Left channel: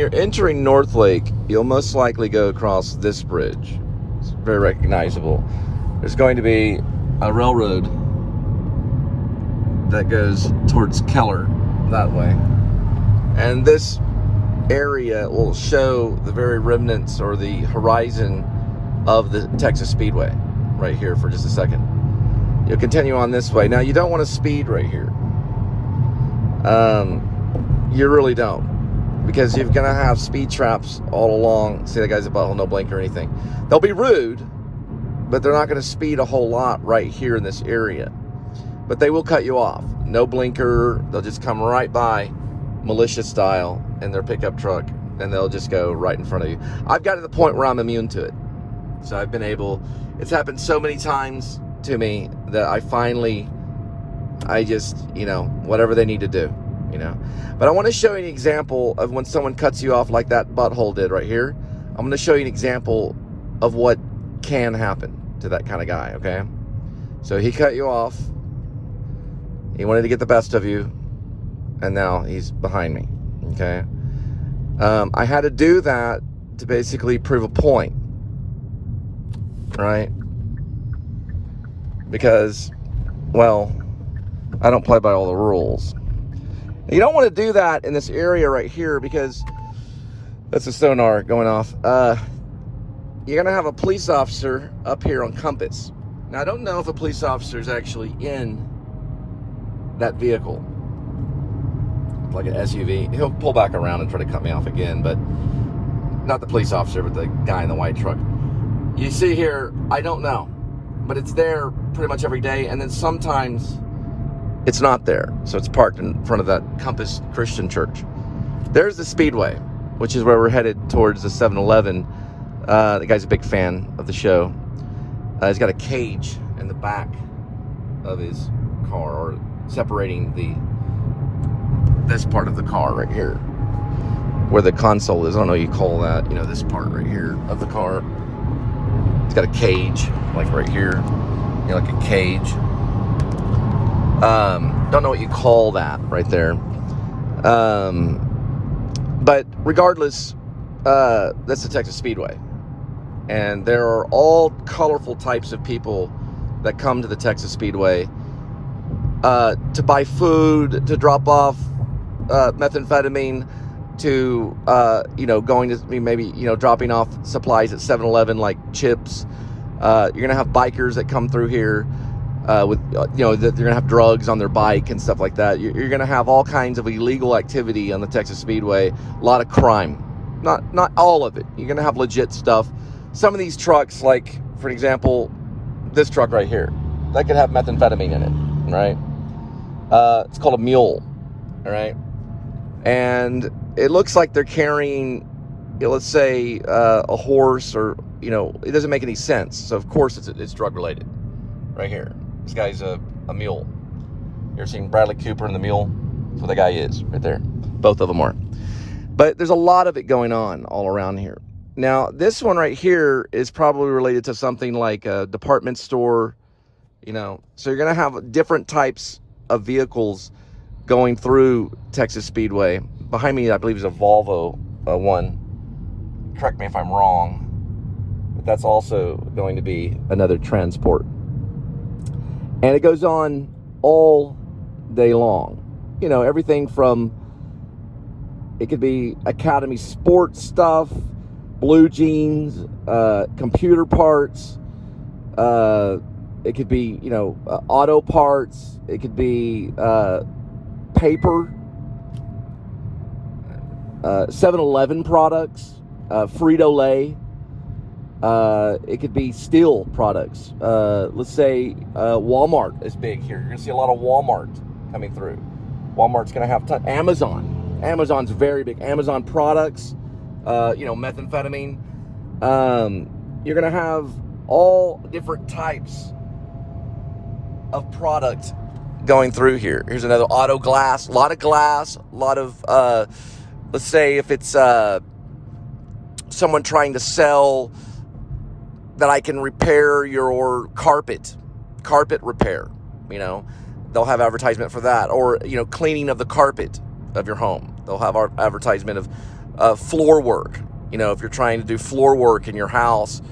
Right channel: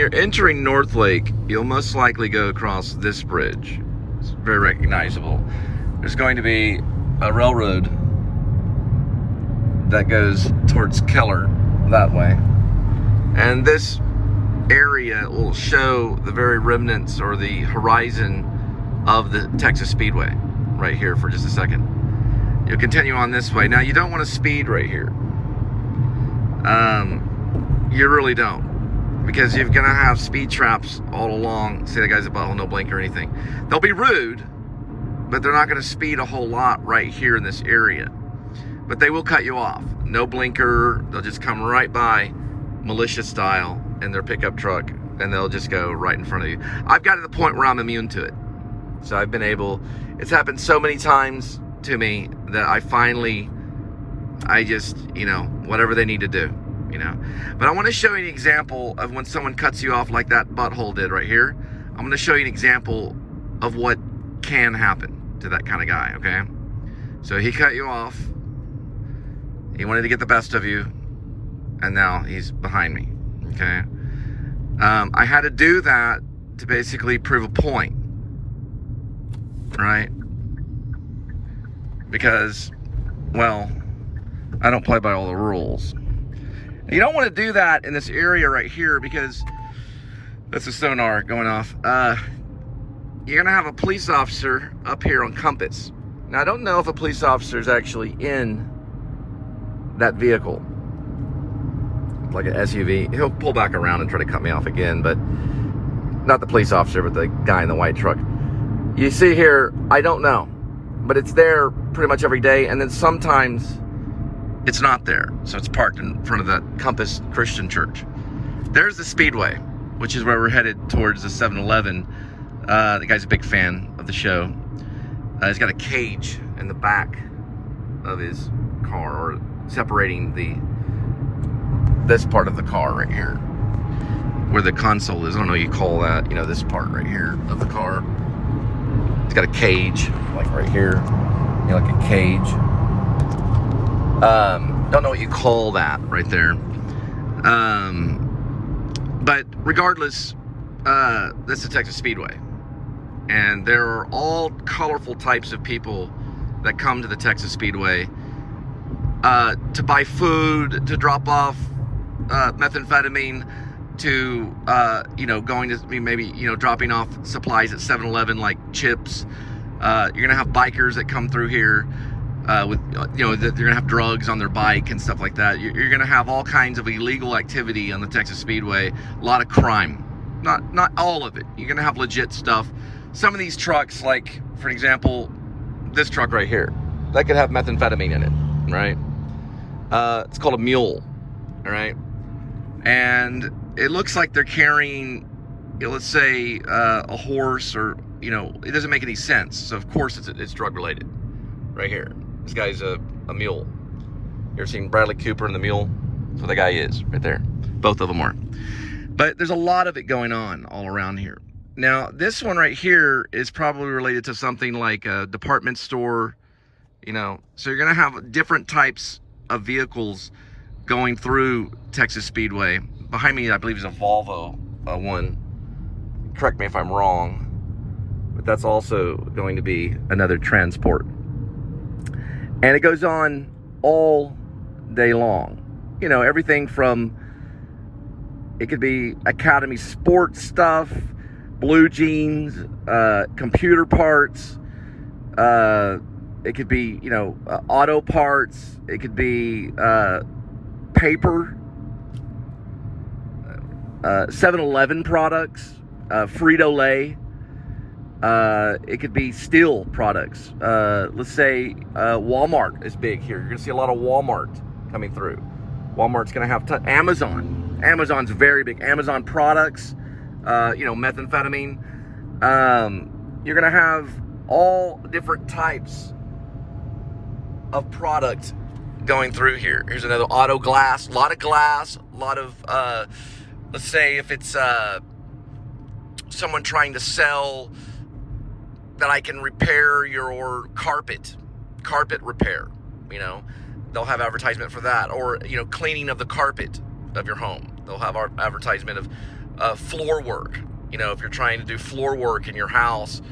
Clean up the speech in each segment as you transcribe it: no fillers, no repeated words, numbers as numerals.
you're entering North Lake, you'll most likely go across this bridge. It's very recognizable. There's going to be a railroad that goes towards Keller that way. And this area will show the very remnants or the horizon of the Texas Speedway right here for just a second. You'll continue on this way. Now, you don't want to speed right here. You really don't, because you're gonna have speed traps all along. See, that guy's a butthole, no blinker or anything. They'll be rude, but they're not gonna speed a whole lot right here in this area. But they will cut you off. No blinker, they'll just come right by, militia style, in their pickup truck, and they'll just go right in front of you. I've got to the point where I'm immune to it. So I've been able, it's happened so many times to me that I just, you know, whatever they need to do, you know. But I want to show you an example of when someone cuts you off like that butthole did right here. I'm going to show you an example of what can happen to that kind of guy, okay? So he cut you off. He wanted to get the best of you, and now he's behind me, okay? I had to do that to basically prove a point, right? Because, well, I don't play by all the rules. You don't want to do that in this area right here, because that's a sonar going off. You're gonna have a police officer up here on compass. Now, I don't know if a police officer is actually in that vehicle, like an SUV. He'll pull back around and try to cut me off again, but not the police officer, but the guy in the white truck. You see here, I don't know, but it's there pretty much every day, and then sometimes it's not there. So it's parked in front of that Compass Christian Church. There's the Speedway, which is where we're headed towards the 7-Eleven. The guy's a big fan of the show. He's got a cage in the back of his car, or separating this part of the car right here, where the console is. I don't know what you call that. You know, this part right here of the car. It's got a cage, like right here. You know, like a cage. Don't know what you call that right there. But regardless, that's the Texas Speedway. And there are all colorful types of people that come to the Texas Speedway to buy food, to drop off methamphetamine, to you know, going to maybe, you know, dropping off supplies at 7-Eleven like chips. You're gonna have bikers that come through here with you know, they're gonna have drugs on their bike and stuff like that. You're gonna have all kinds of illegal activity on the Texas Speedway. A lot of crime. Not all of it. You're gonna have legit stuff. Some of these trucks, like for example, this truck right here, that could have methamphetamine in it, right? It's called a mule, all right? And it looks like they're carrying, you know, let's say a horse, or, you know, it doesn't make any sense. So of course it's drug related right here. This guy's a mule. You ever seen Bradley Cooper and the Mule? That's what the guy is right there. Both of them are. But there's a lot of it going on all around here. Now, this one right here is probably related to something like a department store, you know. So you're going to have different types of vehicles going through Texas Speedway. Behind me, I believe, is a Volvo one. Correct me if I'm wrong, but that's also going to be another transport. And it goes on all day long. You know, everything from, it could be Academy sports stuff, blue jeans, computer parts. It could be, you know, auto parts. It could be paper, 7-Eleven products, Frito-Lay. It could be steel products. Let's say Walmart is big here. You're going to see a lot of Walmart coming through. Walmart's going to have Amazon. Amazon's very big. Amazon products, you know, methamphetamine. You're going to have all different types of products going through here. Here's another auto glass, a lot of, let's say if it's someone trying to sell that I can repair your carpet repair, you know, they'll have advertisement for that. Or, you know, cleaning of the carpet of your home. They'll have our advertisement floor work. You know, if you're trying to do floor work in your house,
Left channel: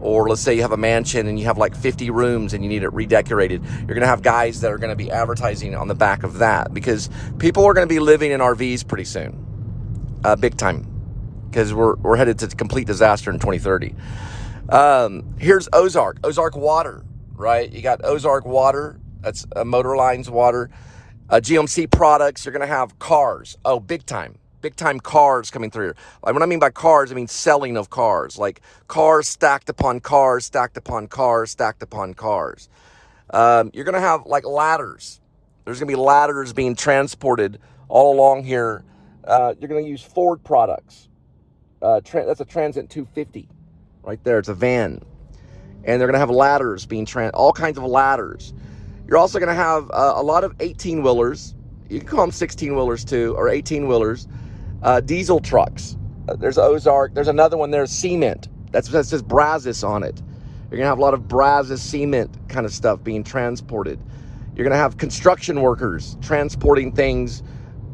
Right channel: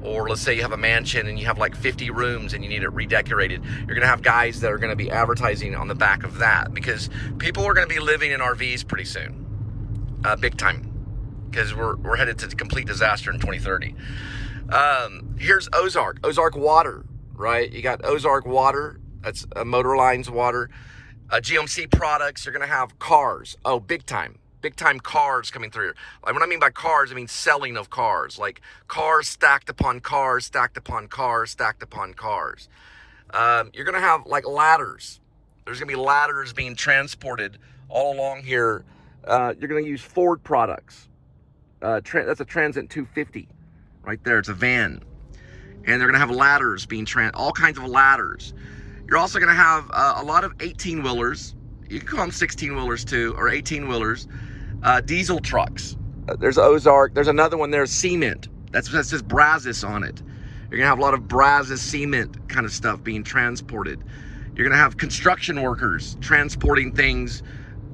or let's say you have a mansion and you have like 50 rooms and you need it redecorated, you're going to have guys that are going to be advertising on the back of that, because people are going to be living in RVs pretty soon, big time, because we're headed to complete disaster in 2030. Here's Ozark water, right? You got Ozark water. That's Motor Lines water. GMC products. You're going to have cars. Oh, big time cars coming through here. Like, what I mean by cars, I mean selling of cars, like cars stacked upon cars, stacked upon cars, stacked upon cars. You're going to have like ladders. There's going to be ladders being transported all along here. You're going to use Ford products. That's a Transit 250 right there. It's a van. And they're going to have ladders being all kinds of ladders. You're also going to have a lot of 18-wheelers. You can call them 16-wheelers too, or 18-wheelers. Diesel trucks. There's Ozark. There's another one. There's cement. That says Brazos on it. You're going to have a lot of Brazos cement kind of stuff being transported. You're going to have construction workers transporting things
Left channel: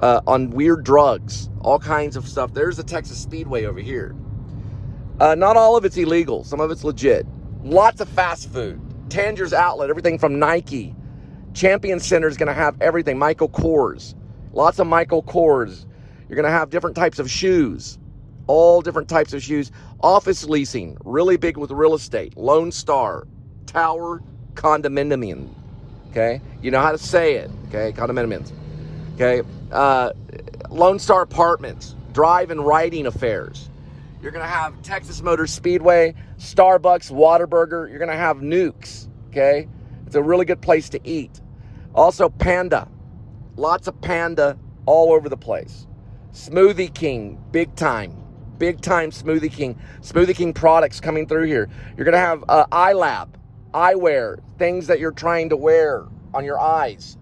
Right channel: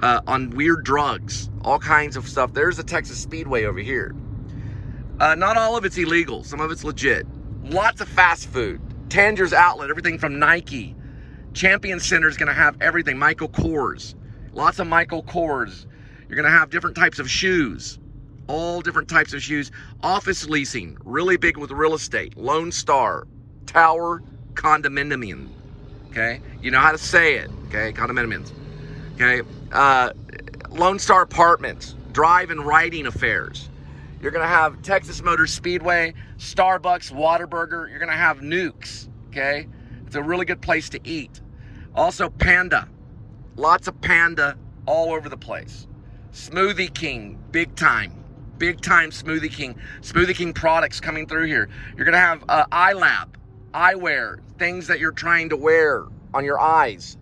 on weird drugs, all kinds of stuff. There's the Texas Speedway over here. Not all of it's illegal. Some of it's legit. Lots of fast food. Tanger's Outlet, everything from Nike. Champion Center is going to have everything. Michael Kors. Lots of Michael Kors. You're going to have different types of shoes. All different types of shoes. Office leasing. Really big with real estate. Lone Star. Tower Condominium. Okay? You know how to say it. Okay? Condominiums. Okay? Lone Star Apartments. Drive and riding affairs. You're going to have Texas Motor Speedway, Starbucks, Whataburger. You're going to have Nukes, okay? It's a really good place to eat. Also, Panda. Lots of Panda all over the place. Smoothie King, big time. Big time Smoothie King. Smoothie King products coming through here. You're going to have iLab, eyewear, things that you're trying to wear on your eyes.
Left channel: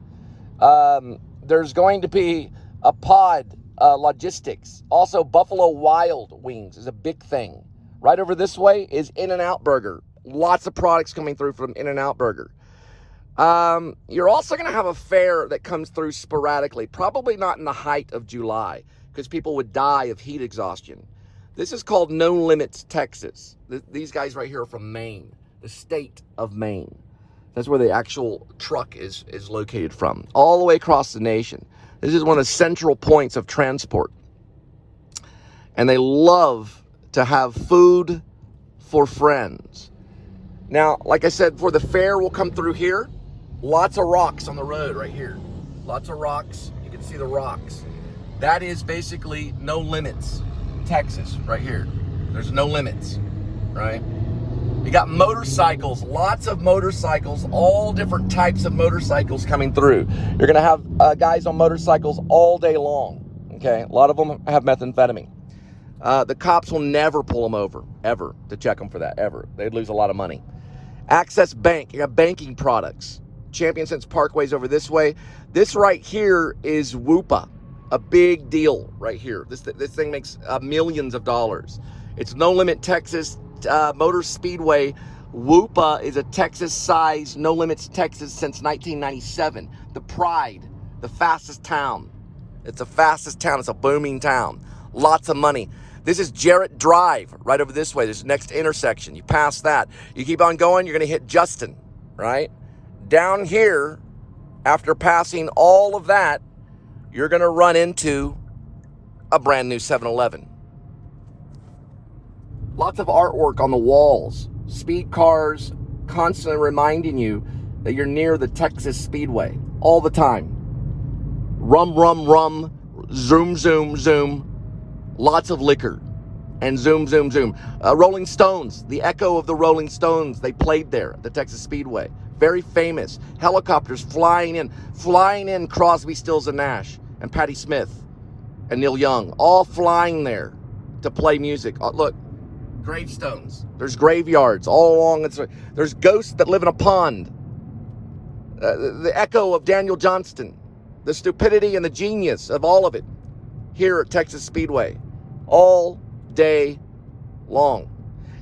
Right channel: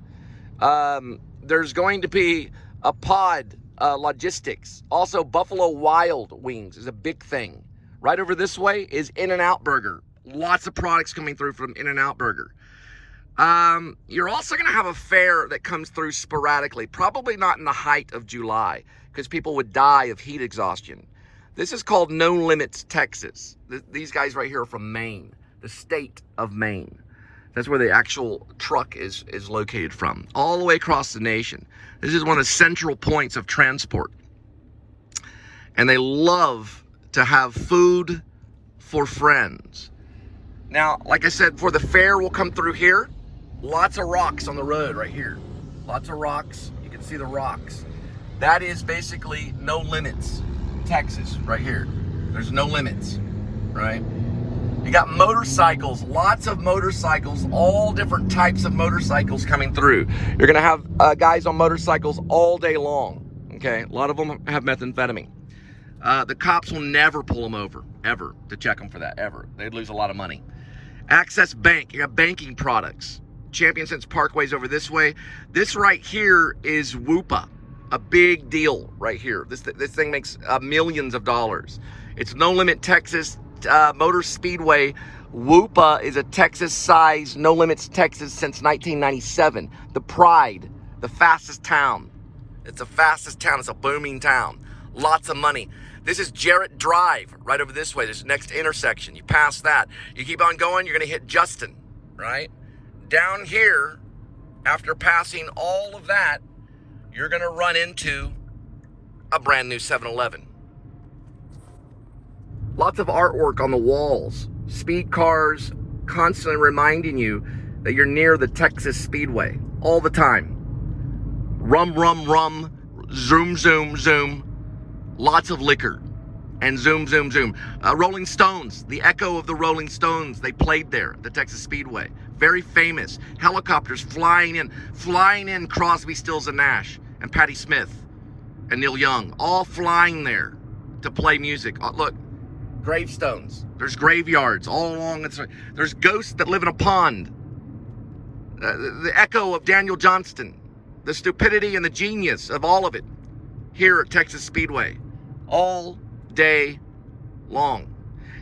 There's going to be a pod. Logistics. Also, Buffalo Wild Wings is a big thing. Right over this way is In-N-Out Burger. Lots of products coming through from In-N-Out Burger. You're also going to have a fair that comes through sporadically, probably not in the height of July, because people would die of heat exhaustion. This is called No Limits, Texas. These guys right here are from Maine, the state of Maine. That's where the actual truck is located from, all the way across the nation. This is one of the central points of transport. And they love to have food for friends. Now, like I said, for the fair will come through here. Lots of rocks on the road right here. Lots of rocks. You can see the rocks. That is basically No Limits, Texas, right here. There's no limits, right? You got motorcycles, lots of motorcycles, all different types of motorcycles coming through. You're going to have guys on motorcycles all day long, okay? A lot of them have methamphetamine. The cops will never pull them over, ever, to check them for that, ever. They'd lose a lot of money. Access Bank, you got banking products. Champion Sense Parkway's over this way. This right here is WUPA, a big deal right here. This thing makes millions of dollars. It's No Limit Texas. Motor Speedway. WUPA is a Texas-sized No Limits Texas since 1997. The pride, the fastest town. It's the fastest town. It's a booming town. Lots of money. This is Jarrett Drive right over this way. This next intersection. You pass that. You keep on going, you're going to hit Justin, right? Down here, after passing all of that, you're going to run into a brand new 7-Eleven. Lots of artwork on the walls. Speed cars constantly reminding you that you're near the Texas Speedway all the time. Rum, rum, rum. Zoom, zoom, zoom. Lots of liquor. And zoom, zoom, zoom. Rolling Stones. The echo of the Rolling Stones. They played there at the Texas Speedway. Very famous. Helicopters flying in. Flying in Crosby, Stills, and Nash. And Patti Smith. And Neil Young. All flying there to play music. Look. Gravestones. There's graveyards all along. There's ghosts that live in a pond. The echo of Daniel Johnston. The stupidity and the genius of all of it. Here at Texas Speedway. All day long.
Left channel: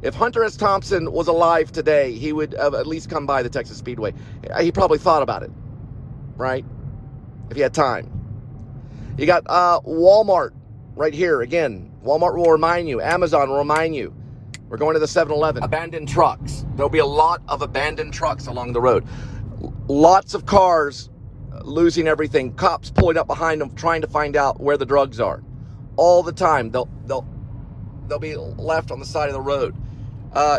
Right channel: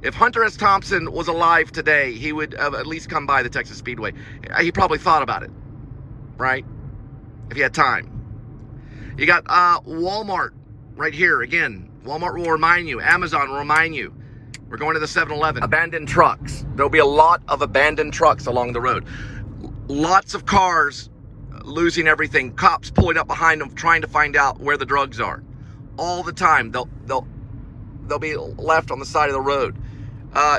If Hunter S. Thompson was alive today, he would have at least come by the Texas Speedway. He probably thought about it. Right? If he had time. You got Walmart right here. Again, Walmart will remind you. Amazon will remind you. We're going to the 7-Eleven. Abandoned trucks. There'll be a lot of abandoned trucks along the road. Lots of cars losing everything. Cops pulling up behind them, trying to find out where the drugs are. All the time, they'll be left on the side of the road.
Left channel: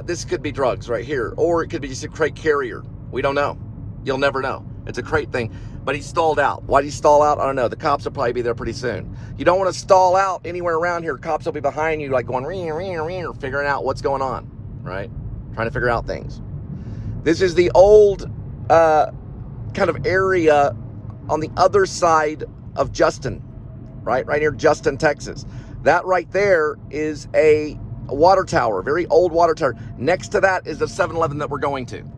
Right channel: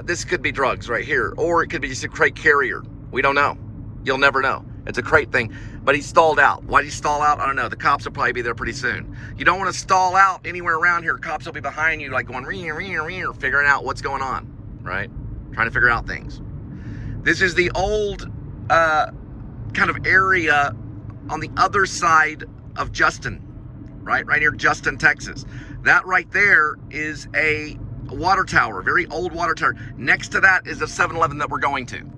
This could be drugs right here, or it could be just a crate carrier. We don't know. You'll never know. It's a crate thing, but he stalled out. Why did he stall out? I don't know. The cops will probably be there pretty soon. You don't want to stall out anywhere around here. Cops will be behind you, like going figuring out what's going on, right? Trying to figure out things. This is the old kind of area on the other side of Justin, right near Justin, Texas. That right there is a water tower, a very old water tower. Next to that is the 7-Eleven that we're going to.